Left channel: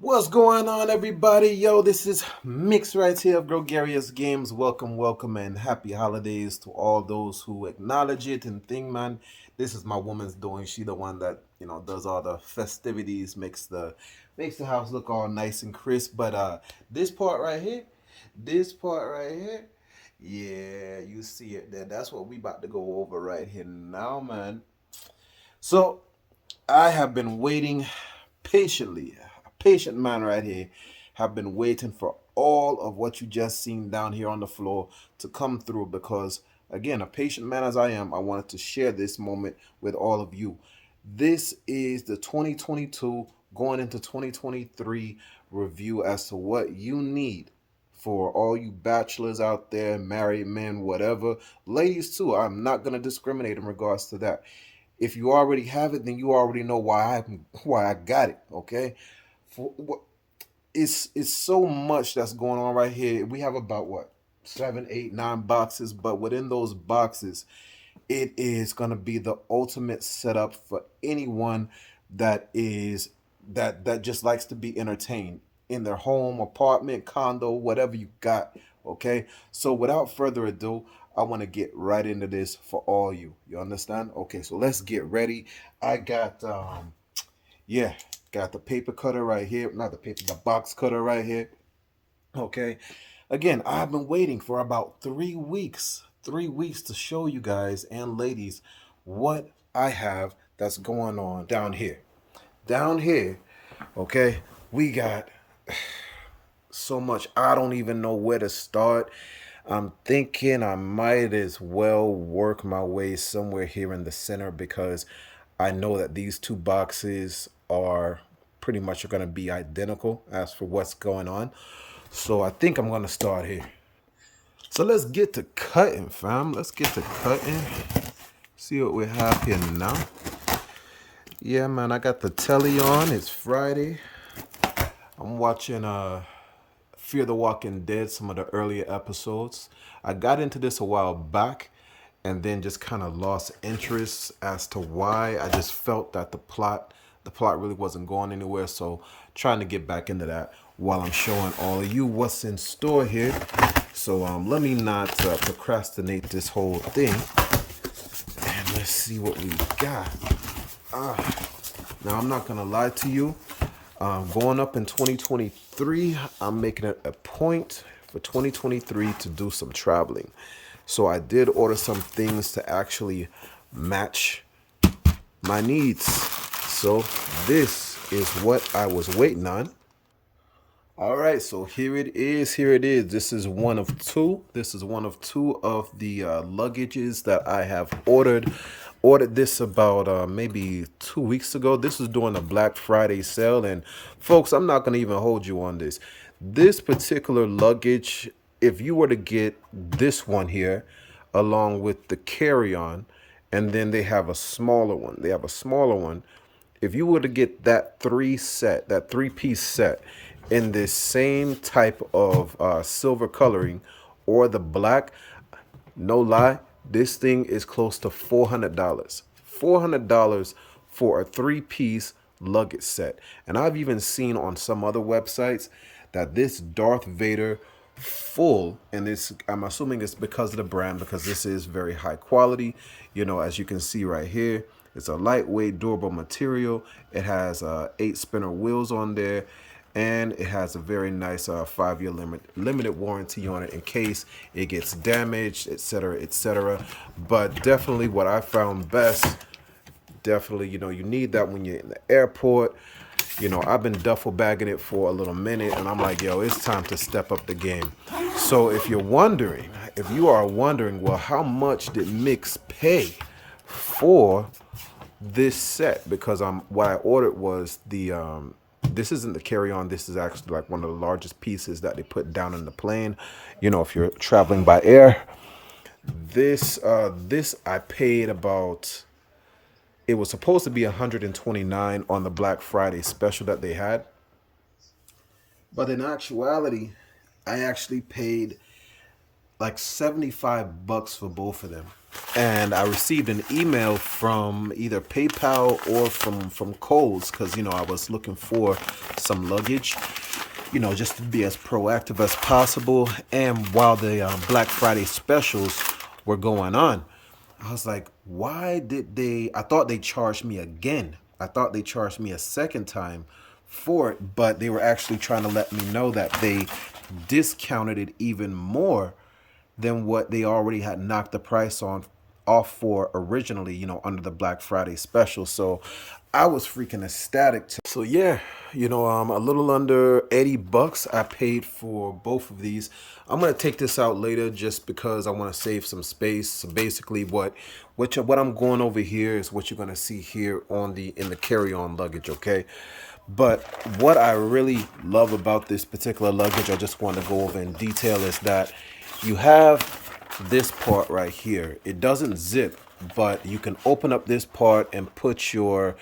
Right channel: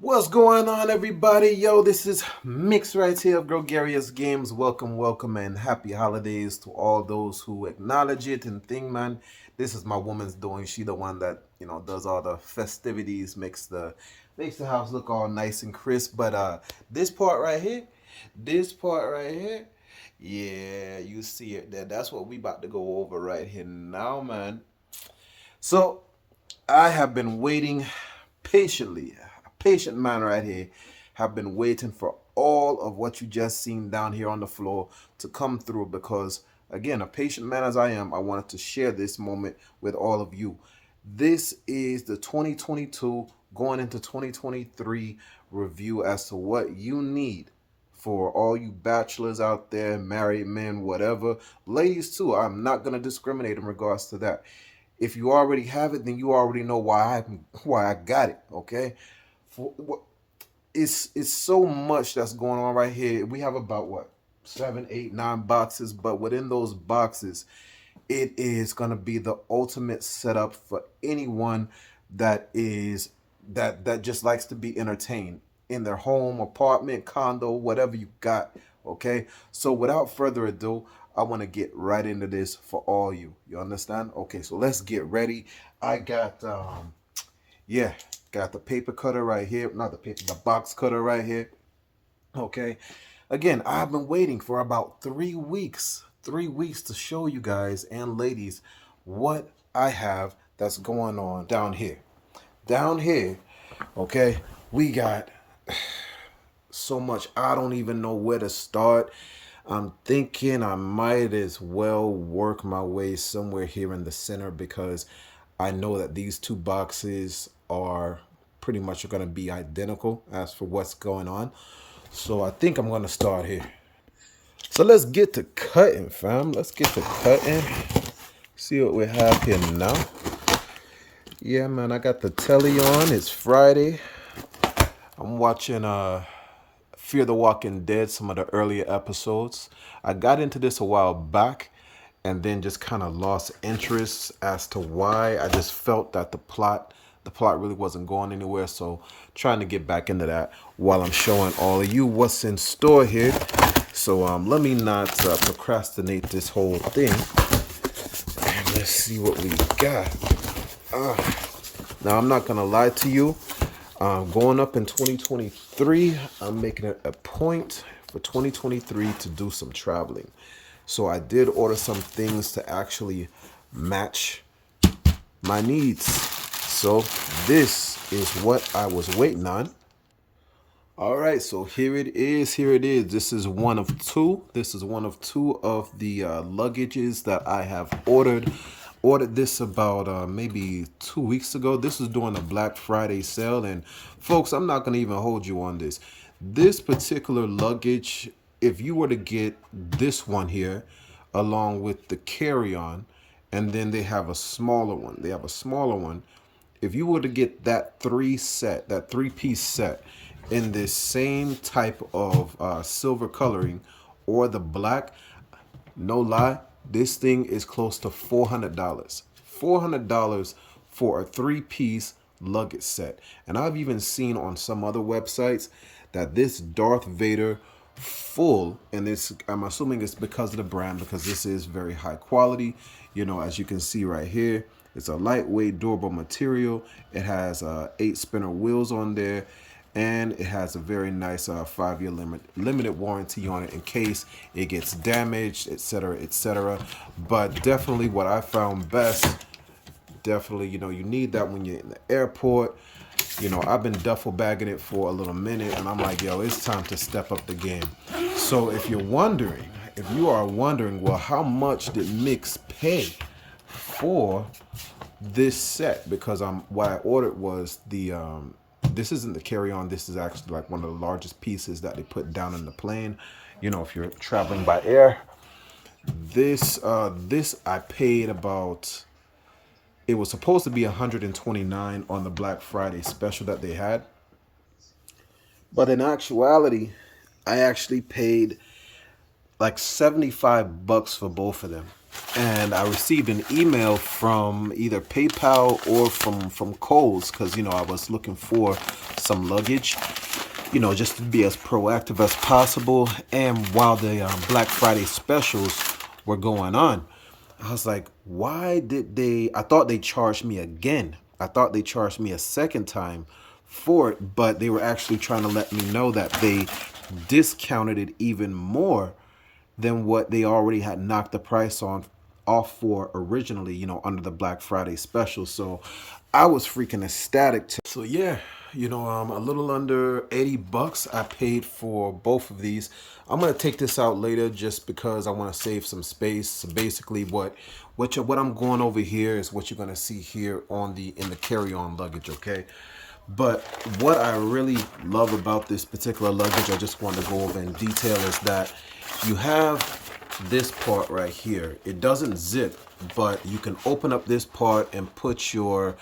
What's going on, everybody? Yo, this is Mix right here of Gregarious Games. Welcome, and happy holidays to all those who acknowledge it and think, man. This is my woman's doing. She the one that does all the festivities, makes the house look all nice and crisp. But this part right here, this part right here, yeah, you see it there. That's what we about to go over right here now, man. So I have been waiting patiently, a patient man right here, have been waiting for all of what you just seen down here on the floor to come through because, again, a patient man as I am, I wanted to share this moment with all of you. This is the 2022 going into 2023 review as to what you need for all you bachelors out there, married men, whatever, ladies too. I'm not going to discriminate in regards to that. If you already have it, then you already know why I got it. Okay, for, it's so much that's going on right here. We have about what 7, 8, 9 boxes, but within those boxes, it is gonna be the ultimate setup for anyone that just likes to be entertained in their home, apartment, condo, whatever you got. Okay, so without further ado, I want to get right into this for all you. You understand? Okay, so let's get ready. I got yeah, got the paper cutter right here. Not the box cutter right here. Okay. Again, I've been waiting for about 3 weeks. 3 weeks to show you guys and ladies what I have that's going on down here. Down here, okay, we got so much. I don't even know where to start. I'm thinking I might as well work my way somewhere here in the center because I know that these two boxes are pretty much going to be identical as for what's going on. So I think I'm going to start here. So let's get to cutting, fam. Let's get to cutting. See what we have here now. Yeah, man, I got the telly on. It's Friday. I'm watching Fear the Walking Dead, some of the earlier episodes. I got into this a while back and then just kind of lost interest as to why. I just felt that the plot really wasn't going anywhere. So trying to get back into that while I'm showing all of you what's in store here. So let me not procrastinate this whole thing. And let's see what we got. Now, I'm not going to lie to you. Going up in 2023, I'm making it a point for 2023 to do some traveling. So I did order some things to actually match my needs. So this is what I was waiting on. All right, so here it is. Here it is. This is one of two. This is one of two of the luggages that I have ordered. Ordered this about maybe 2 weeks ago. This is during the Black Friday sale. And folks, I'm not going to even hold you on this. This particular luggage, if you were to get this one here along with the carry-on, and then they have a smaller one. They have a smaller one. If you were to get that three-piece set in this same type of silver coloring or the black, no lie, this thing is close to $400. $400 for a three-piece luggage set. And I've even seen on some other websites that this Darth Vader full, and this, I'm assuming it's because of the brand, because this is very high quality. As you can see right here, it's a lightweight, durable material. It has 8 spinner wheels on there, and it has a very nice 5-year limited warranty on it in case it gets damaged, etc., etc. But definitely what I found best, definitely, you need that when you're in the airport. I've been duffel bagging it for a little minute, and I'm like, yo, it's time to step up the game. So if you are wondering, well, how much did Mix pay for this set? Because what I ordered was this isn't the carry-on. This is actually like one of the largest pieces that they put down in the plane. If you're traveling by air. This I paid about. It was supposed to be 129 on the Black Friday special that they had, but in actuality, I actually paid like $75 for both of them. and I received an email from either PayPal or from Kohl's, because I was looking for some luggage, just to be as proactive as possible. And while the Black Friday specials were going on, I was like, why did they? I thought they charged me again. I thought they charged me a second time for it, but they were actually trying to let me know that they discounted it even more than what they already had knocked the price on off for originally, under the Black Friday special. So I was freaking ecstatic. So yeah, a little under 80 bucks I paid for both of these. I'm gonna take this out later just because I want to save some space. So basically, what I'm going over here is what you're gonna see here in the carry-on luggage. Okay. But what I really love about this particular luggage, I just want to go over in detail, is that you have this part right here. It doesn't zip, but you can open up this part and put your,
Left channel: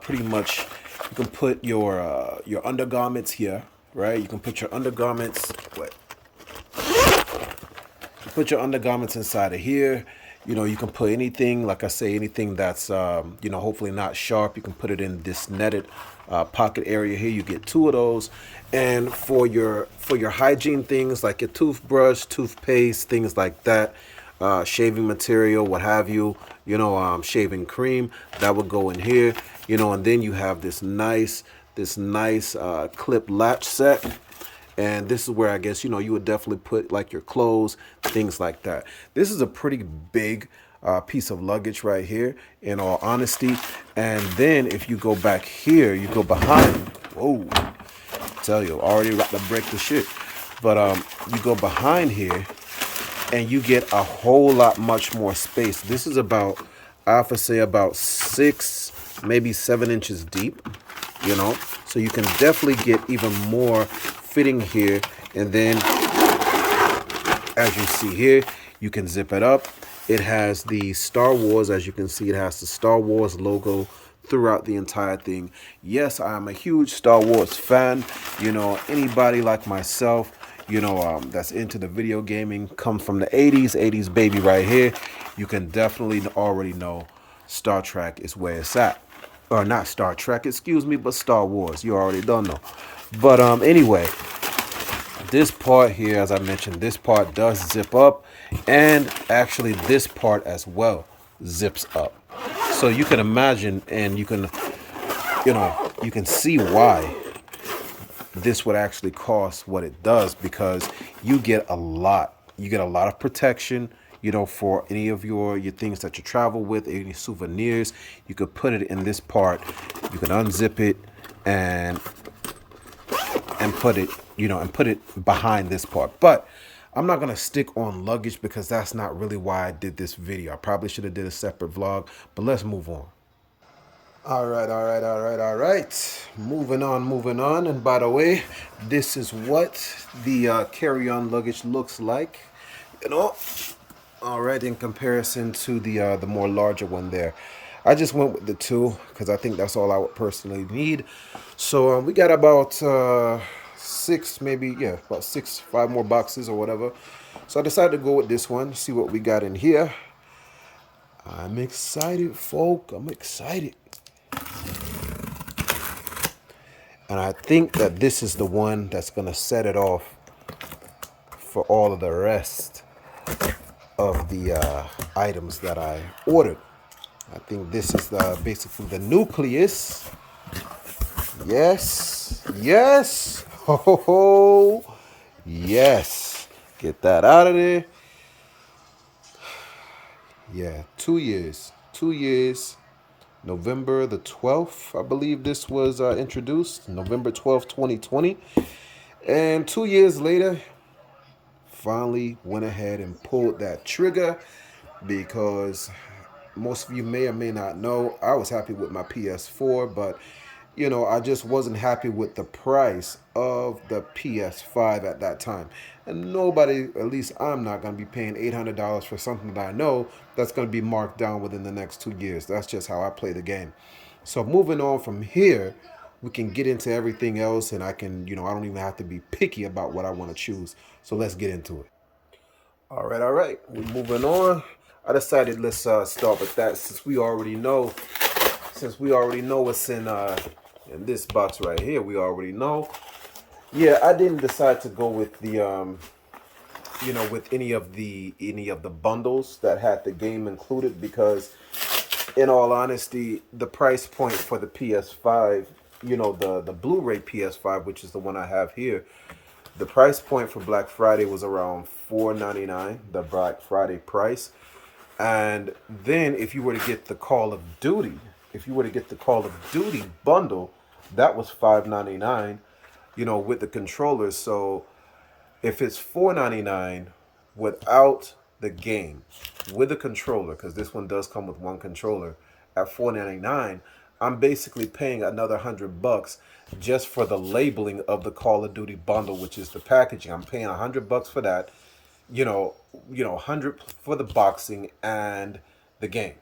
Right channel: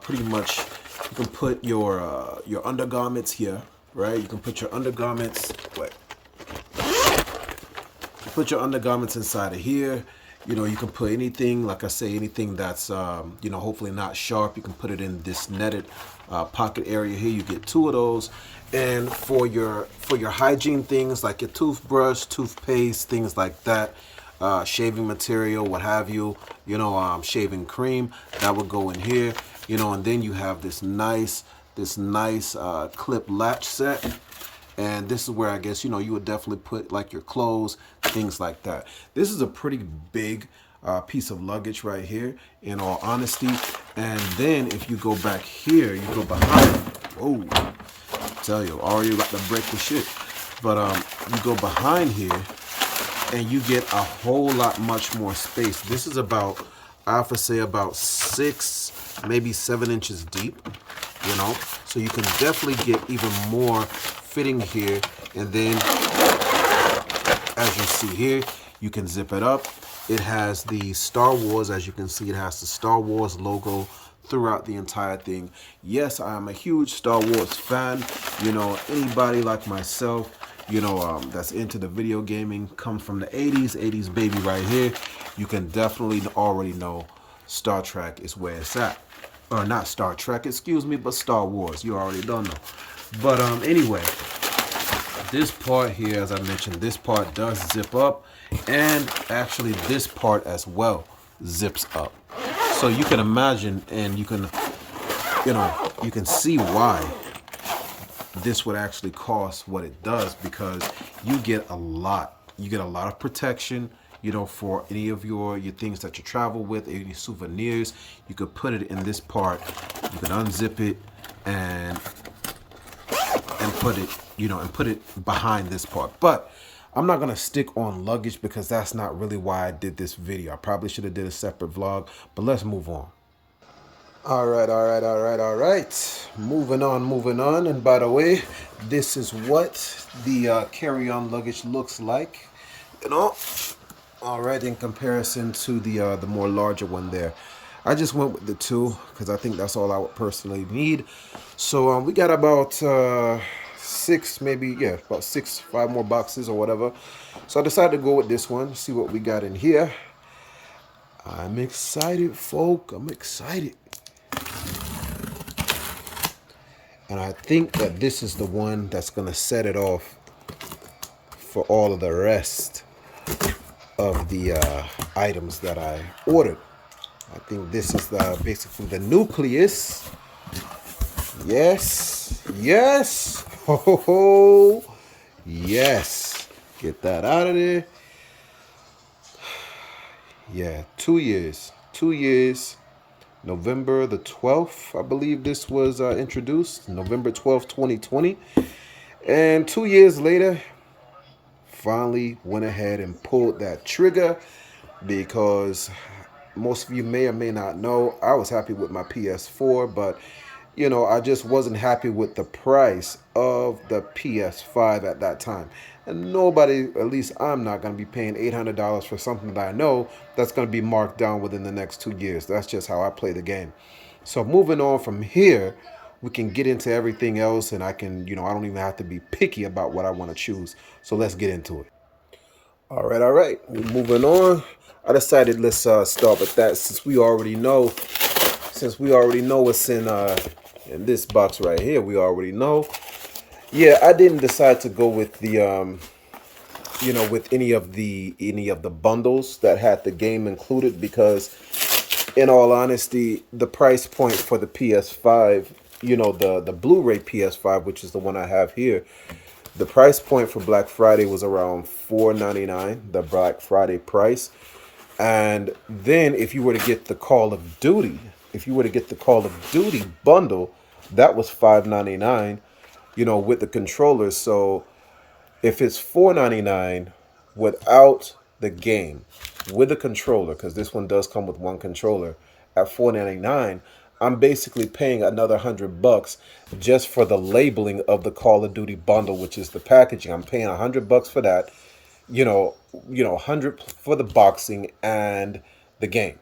pretty much, you can put your undergarments here, right? You can put your undergarments, put your undergarments inside of here. You can put anything, like I say, anything that's, hopefully not sharp. You can put it in this netted pocket area here. You get two of those. And for your hygiene things like your toothbrush, toothpaste, things like that, shaving material, what have you, shaving cream, that would go in here. And then you have this nice clip latch set. And this is where I guess, you would definitely put like your clothes, things like that. This is a pretty big piece of luggage right here, in all honesty. And then if you go back here, you go behind. Whoa, I tell you, already about to break the shit. But you go behind here and you get a whole lot much more space. This is about, I have to say, about 6, maybe 7 inches deep, so you can definitely get even more fitting here. And then as you see here, you can zip it up. It has the Star Wars, as you can see, it has the Star Wars logo throughout the entire thing. Yes, I am a huge Star Wars fan. Anybody like myself, that's into the video gaming, comes from the 80s baby right here, you can definitely already know Star Trek is where it's at. Or not Star Trek, excuse me, but Star Wars. You already don't know. But anyway, this part here, as I mentioned, this part does zip up, and actually this part as well zips up. So you can imagine, and you can see why this would actually cost what it does, because you get a lot of protection, for any of your things that you travel with, any souvenirs. You could put it in this part, you can unzip it and put it, behind this part. But I'm not gonna stick on luggage because that's not really why I did this video. I probably should have did a separate vlog, but let's move on. All right. Moving on. And by the way, this is what the carry-on luggage looks like, all right, in comparison to the more larger one there. I just went with the 2 because I think that's all I would personally need. So we got about 6, maybe, yeah, about 6, 5 more boxes or whatever. So I decided to go with this one, see what we got in here. I'm excited, folk. I'm excited. And I think that this is the one that's going to set it off for all of the rest of the items that I ordered. I think this is basically the nucleus. Yes. Oh, yes. Get that out of there. Yeah, 2 years. 2 years. November the 12th, I believe this was introduced. November 12th, 2020. And 2 years later, finally went ahead and pulled that trigger, because most of you may or may not know, I was happy with my PS4, but I just wasn't happy with the price of the PS5 at that time. And nobody, at least I'm not going to be paying $800 for something that I know that's going to be marked down within the next 2 years. That's just how I play the game. So moving on from here, we can get into everything else, and I can, I don't even have to be picky about what I want to choose. So let's get into it. All right. Moving on. I decided let's start with that since we already know what's in this box right here. We already know. Yeah, I didn't decide to go with the with any of the bundles that had the game included because in all honesty, the price point for the PS5, the Blu-ray PS5, which is the one I have here, the price point for Black Friday was around $4.99, the Black Friday price. And then if you were to get the Call of Duty, bundle, that was $5.99, with the controllers. So if it's $4.99 without the game, with a controller, because this one does come with one controller, at $4.99, I'm basically paying another $100 just for the labeling of the Call of Duty bundle, which is the packaging. I'm paying $100 for that, 100 for the boxing and the game.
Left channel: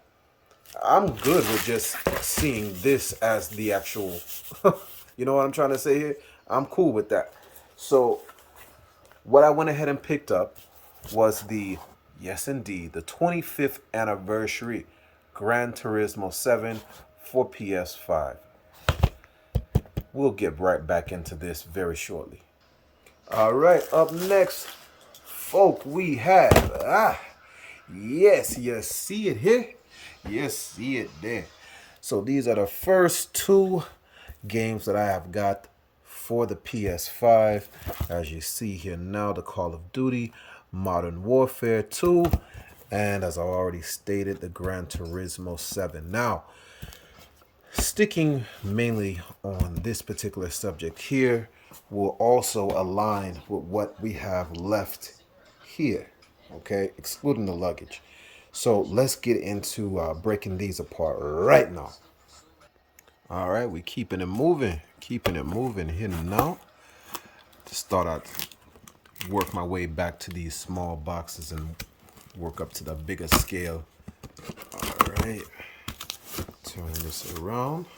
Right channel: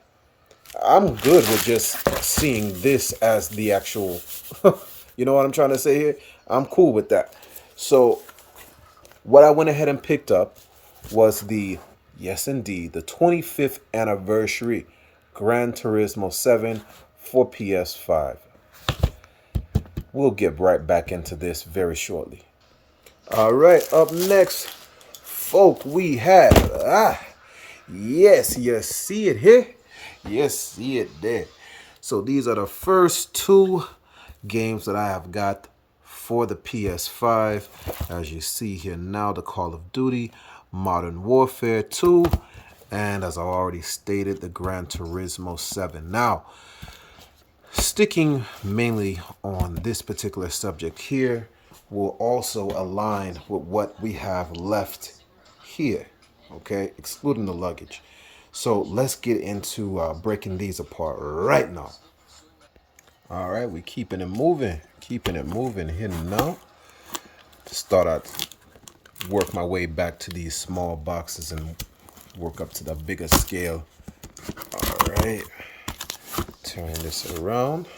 I'm good with just seeing this as the actual, you know what I'm trying to say here? I'm cool with that. So what I went ahead and picked up was yes indeed, the 25th anniversary Gran Turismo 7 for PS5. We'll get right back into this very shortly. All right, up next, folk, we have, yes, see it here? Yes, see it there. So these are the first two games that I have got for the PS5. As you see here now, the Call of Duty Modern Warfare 2, and as I already stated, the Gran Turismo 7. Now, sticking mainly on this particular subject here will also align with what we have left here, okay, excluding the luggage. So let's get into breaking these apart right now. All right, we keeping it moving here now. Just thought I'd work my way back to these small boxes and work up to the bigger scale. All right, turn this around.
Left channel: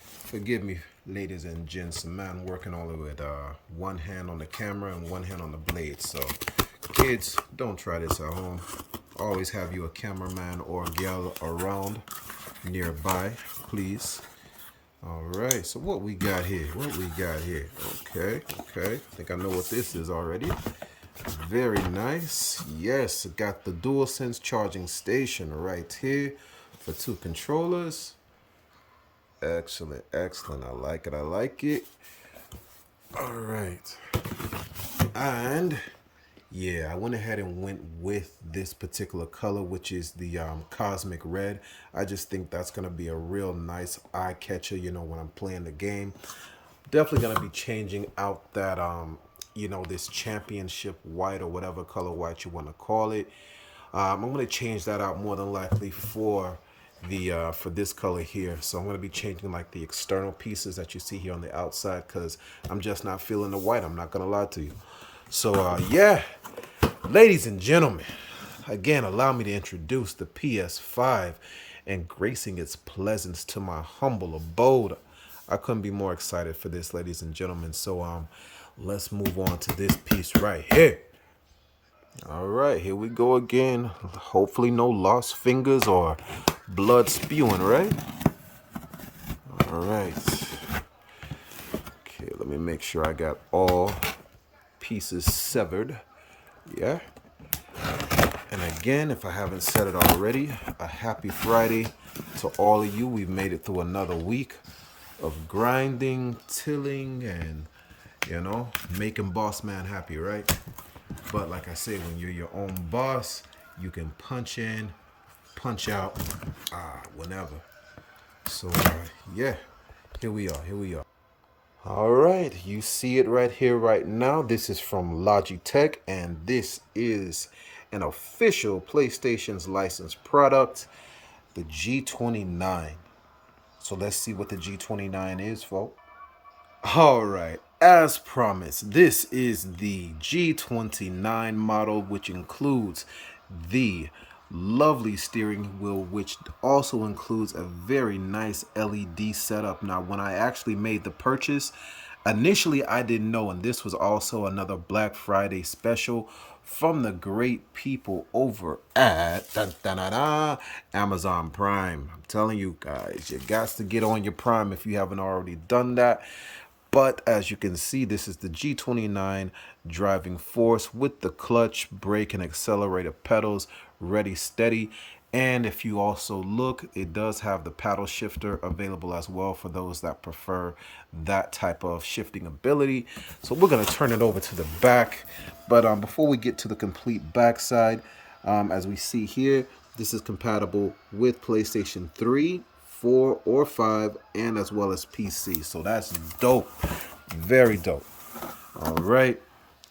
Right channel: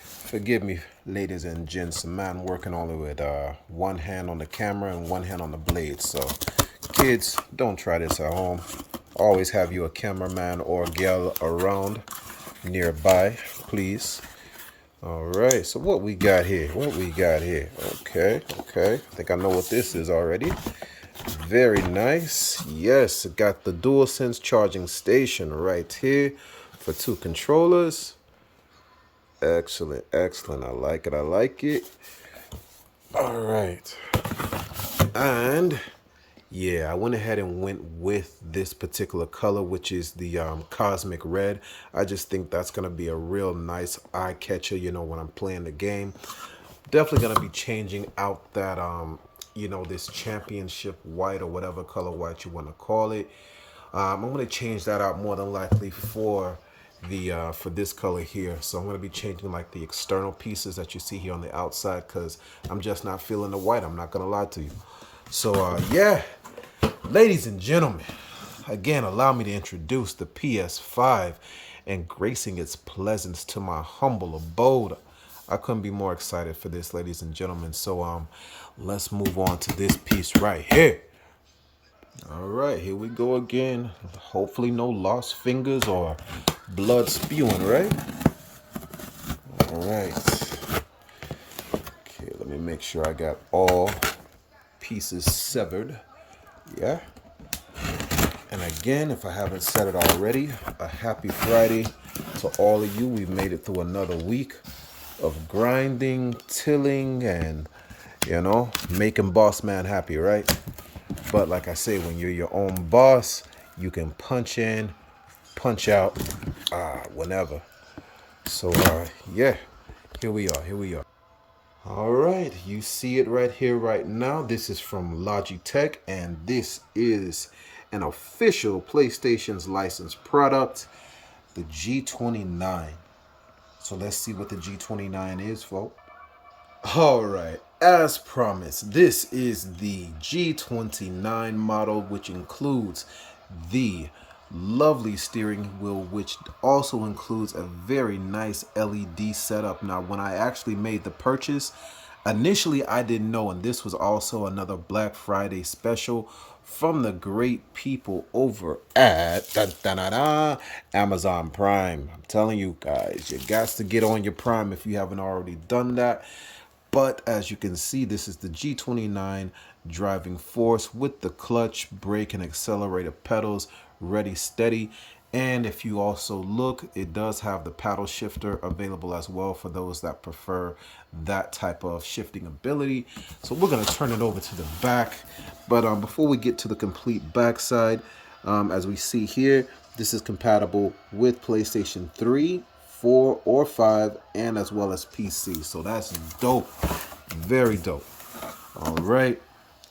Forgive me, ladies and gents, man working only with one hand on the camera and one hand on the blade. So kids, don't try this at home. Always have you a cameraman or a gal around nearby, please. All right, so what we got here? Okay. I think I know what this is already. Very nice. Yes, it got the DualSense charging station right here for two controllers. Excellent. I like it. All right. And yeah, I went ahead and went with this particular color, which is the cosmic red. I just think that's going to be a real nice eye catcher, when I'm playing the game. Definitely going to be changing out that, this championship white or whatever color white you want to call it. I'm going to change that out more than likely for this color here. So I'm going to be changing like the external pieces that you see here on the outside because I'm just not feeling the white. I'm not going to lie to you. So yeah, ladies and gentlemen, again, allow me to introduce the PS5 and gracing its presence to my humble abode. I couldn't be more excited for this, ladies and gentlemen. So let's move on to this piece right here. All right, here we go again. Hopefully no lost fingers or blood spewing, right? All right. Okay, let me make sure I got all pieces severed. Yeah. And again, if I haven't said it already, a happy Friday to all of you. We've made it through another week of grinding, tilling, and, making boss man happy, right? But like I say, when you're your own boss, you can punch in, punch out, whenever. So, yeah, here we are. All right, you see it right here, right now. This is from Logitech, and this is an official PlayStation's licensed product, the G29. So let's see what the G29 is, folks. All right, as promised, this is the G29 model, which includes the lovely steering wheel, which also includes a very nice LED setup. Now, when I actually made the purchase, initially I didn't know, and this was also another Black Friday special from the great people over at Amazon Prime. I'm telling you guys, you got to get on your Prime if you haven't already done that. But as you can see, this is the G29 driving force with the clutch, brake, and accelerator pedals ready, steady. And if you also look, it does have the paddle shifter available as well for those that prefer that type of shifting ability. So we're going to turn it over to the back. But before we get to the complete backside, as we see here, this is compatible with PlayStation 3, 4, or 5, and as well as PC. So that's dope. Very dope. All right.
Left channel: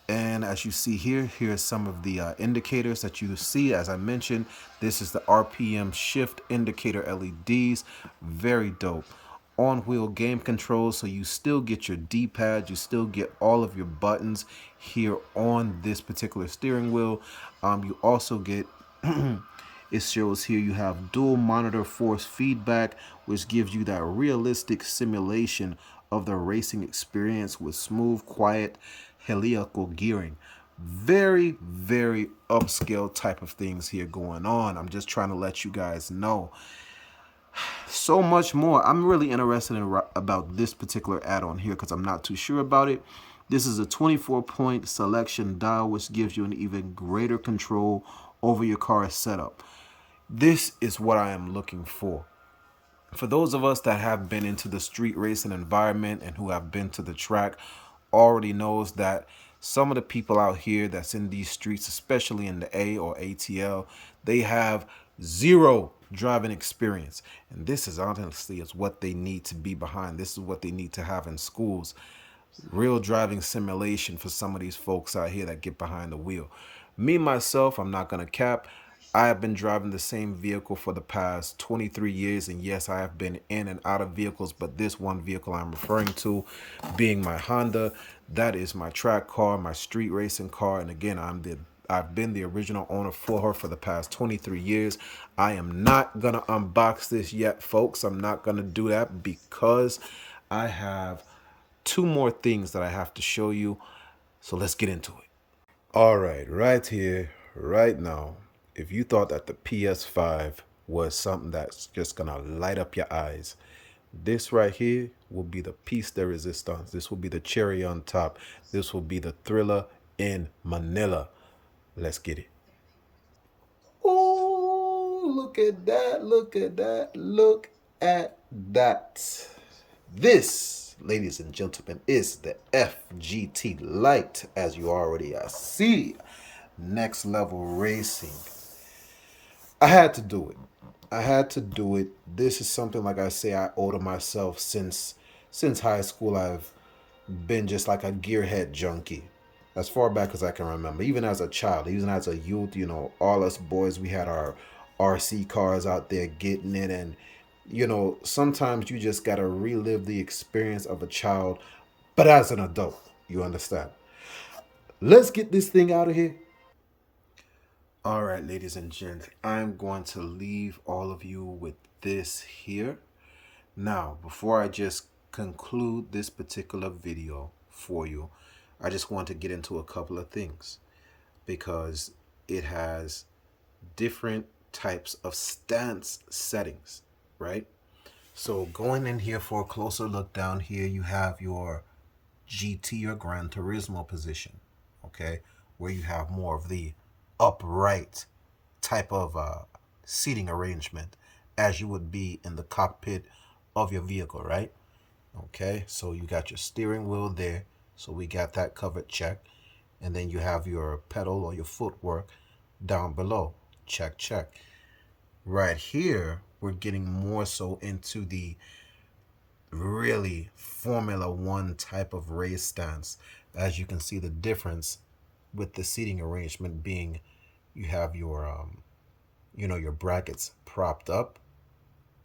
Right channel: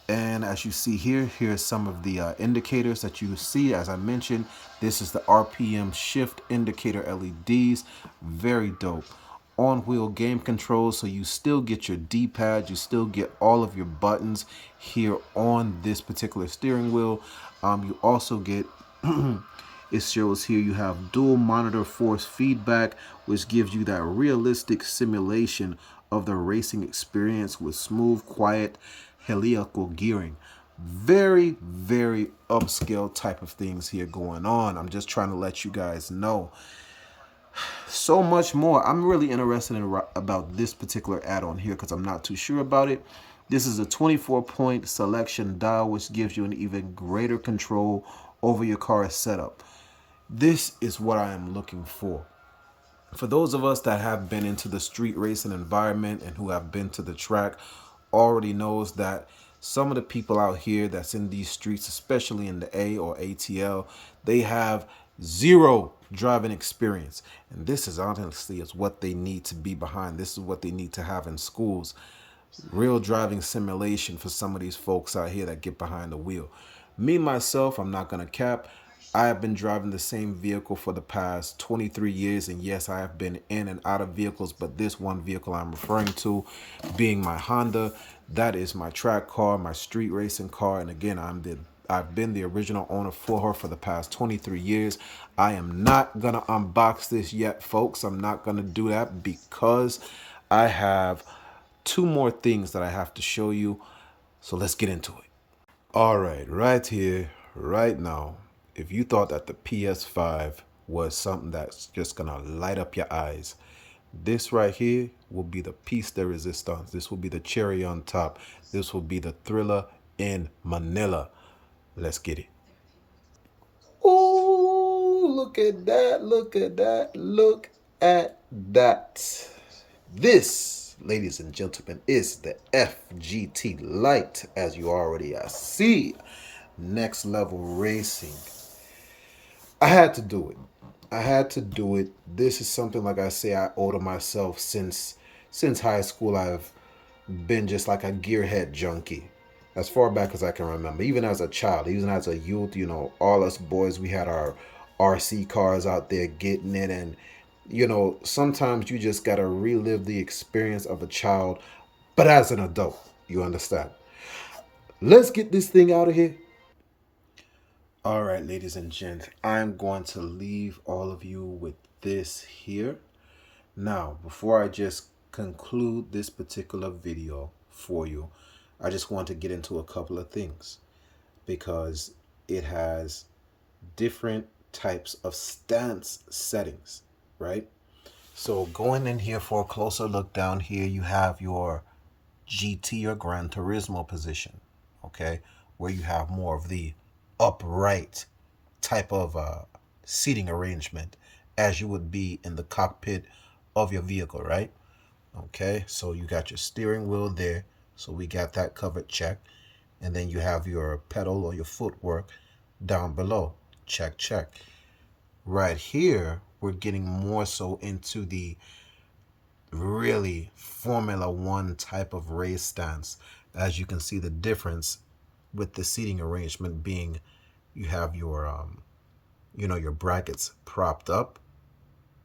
And as you see here, here's some of the indicators that you see. As I mentioned, this is the RPM shift indicator LEDs. Very dope. On-wheel game controls, so you still get your D-pad, you still get all of your buttons here on this particular steering wheel. You also get it shows here you have dual monitor force feedback, which gives you that realistic simulation of the racing experience with smooth, quiet, helical gearing. Very, very upscale type of things here going on. I'm just trying to let you guys know. So much more. I'm really interested in about this particular add-on here because I'm not too sure about it. This is a 24-point selection dial, which gives you an even greater control over your car's setup. This is what I am looking for. For those of us that have been into the street racing environment and who have been to the track, already knows that some of the people out here that's in these streets, especially in the A or ATL, they have zero driving experience. And this is honestly is what they need to be behind. This is what they need to have in schools. Real driving simulation for some of these folks out here that get behind the wheel. Me, myself, I'm not going to cap. I have been driving the same vehicle for the past 23 years. And yes, I have been in and out of vehicles. But this one vehicle I'm referring to being my Honda, that is my track car, my street racing car. And again, I've been the original owner for her for the past 23 years. I am not going to unbox this yet, folks. I'm not going to do that because I have two more things that I have to show you. So let's get into it. All right here, right now, if you thought that the PS5 was something that's just going to light up your eyes, this right here will be the piece de resistance. This will be the cherry on top. This will be the thriller in Manila. Let's get it. Oh, look at that. Look at that. Look at that. This, ladies and gentlemen, is the FGT Lite, as you already see. Next level racing. I had to do it. I had to do it. This is something, like I say, I owe to myself since high school. I've been just like a gearhead junkie as far back as I can remember. Even as a child, even as a youth, all us boys, we had our RC cars out there getting it. And, sometimes you just got to relive the experience of a child, but as an adult, you understand. Let's get this thing out of here. All right, ladies and gents, I'm going to leave all of you with this here. Now, before I just conclude this particular video for you, I just want to get into a couple of things because it has different types of stance settings, right? So going in here for a closer look down here, you have your GT or Gran Turismo position, okay, where you have more of the upright type of seating arrangement as you would be in the cockpit of your vehicle, right? Okay, so you got your steering wheel there, so we got that covered, check. And then you have your pedal or your footwork down below, check, check. Right here, we're getting more so into the really Formula One type of race stance. As you can see, the difference with the seating arrangement being you have your your brackets propped up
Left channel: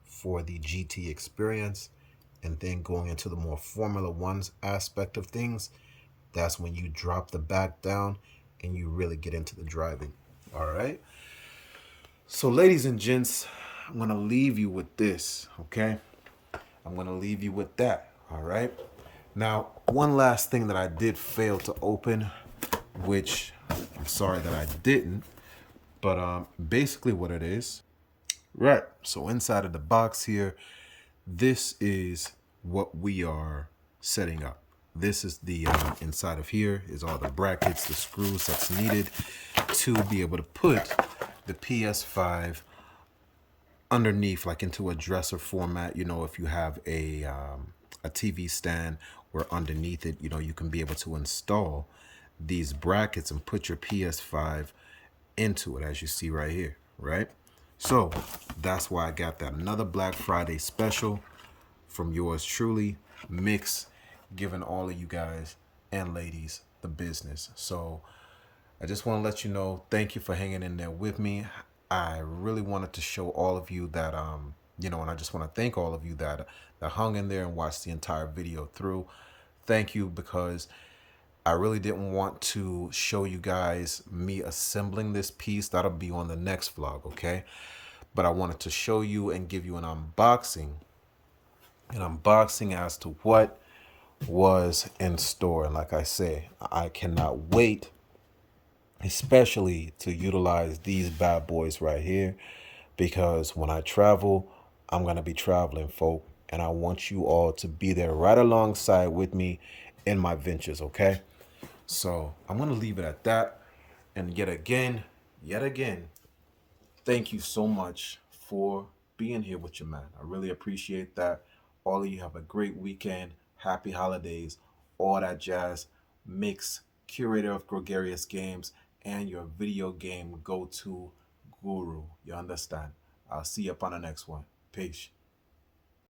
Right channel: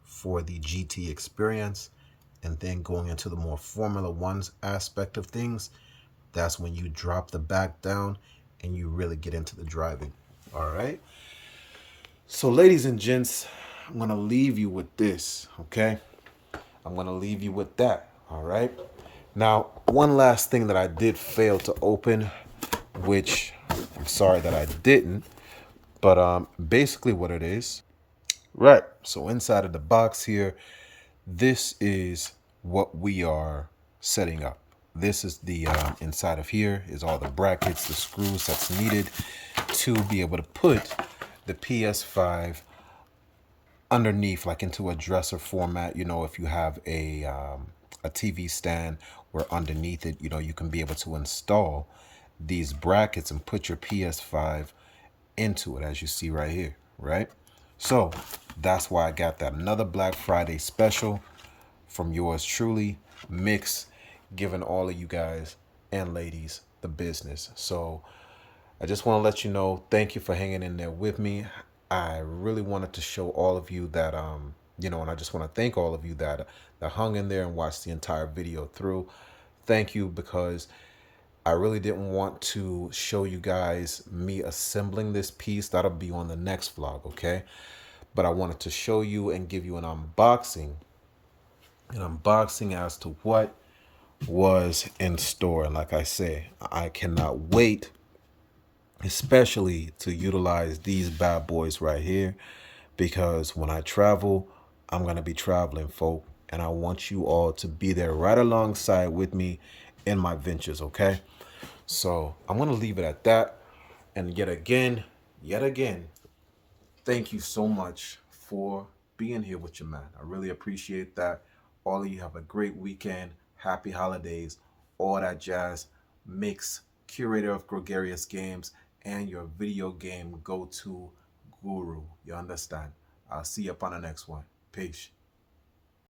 for the GT experience, and then going into the more Formula One's aspect of things, that's when you drop the back down and you really get into the driving. All right, so ladies and gents, I'm gonna leave you with this, okay? I'm gonna leave you with that. All right, now one last thing that I did fail to open, which I'm sorry that I didn't, but basically what it is, right? So inside of the box here, this is what we are setting up. This is the inside of here is all the brackets, the screws that's needed to be able to put the PS5 underneath, like into a dresser format. You know, if you have a TV stand where underneath it, you know, you can be able to install these brackets and put your PS5 into it, as you see right here, right? So that's why I got that. Another Black Friday special from yours truly, Mix, giving all of you guys and ladies the business. So I just want to let you know, thank you for hanging in there with me. I really wanted to show all of you that, you know, and I just want to thank all of you that hung in there and watched the entire video through. Thank you, because I really didn't want to show you guys me assembling this piece. That'll be on the next vlog, okay? But I wanted to show you and give you an unboxing as to what was in store. And like I say, I cannot wait, especially to utilize these bad boys right here, because when I travel, I'm going to be traveling, folk, and I want you all to be there right alongside with me in my ventures, okay? So I'm going to leave it at that. And yet again, thank you so much for being here with your man. I really appreciate that. All of you have a great weekend. Happy holidays. All that jazz. Mix, curator of Gregarious Games, and your video game go-to guru. You understand? I'll see you up on the next one. Peace.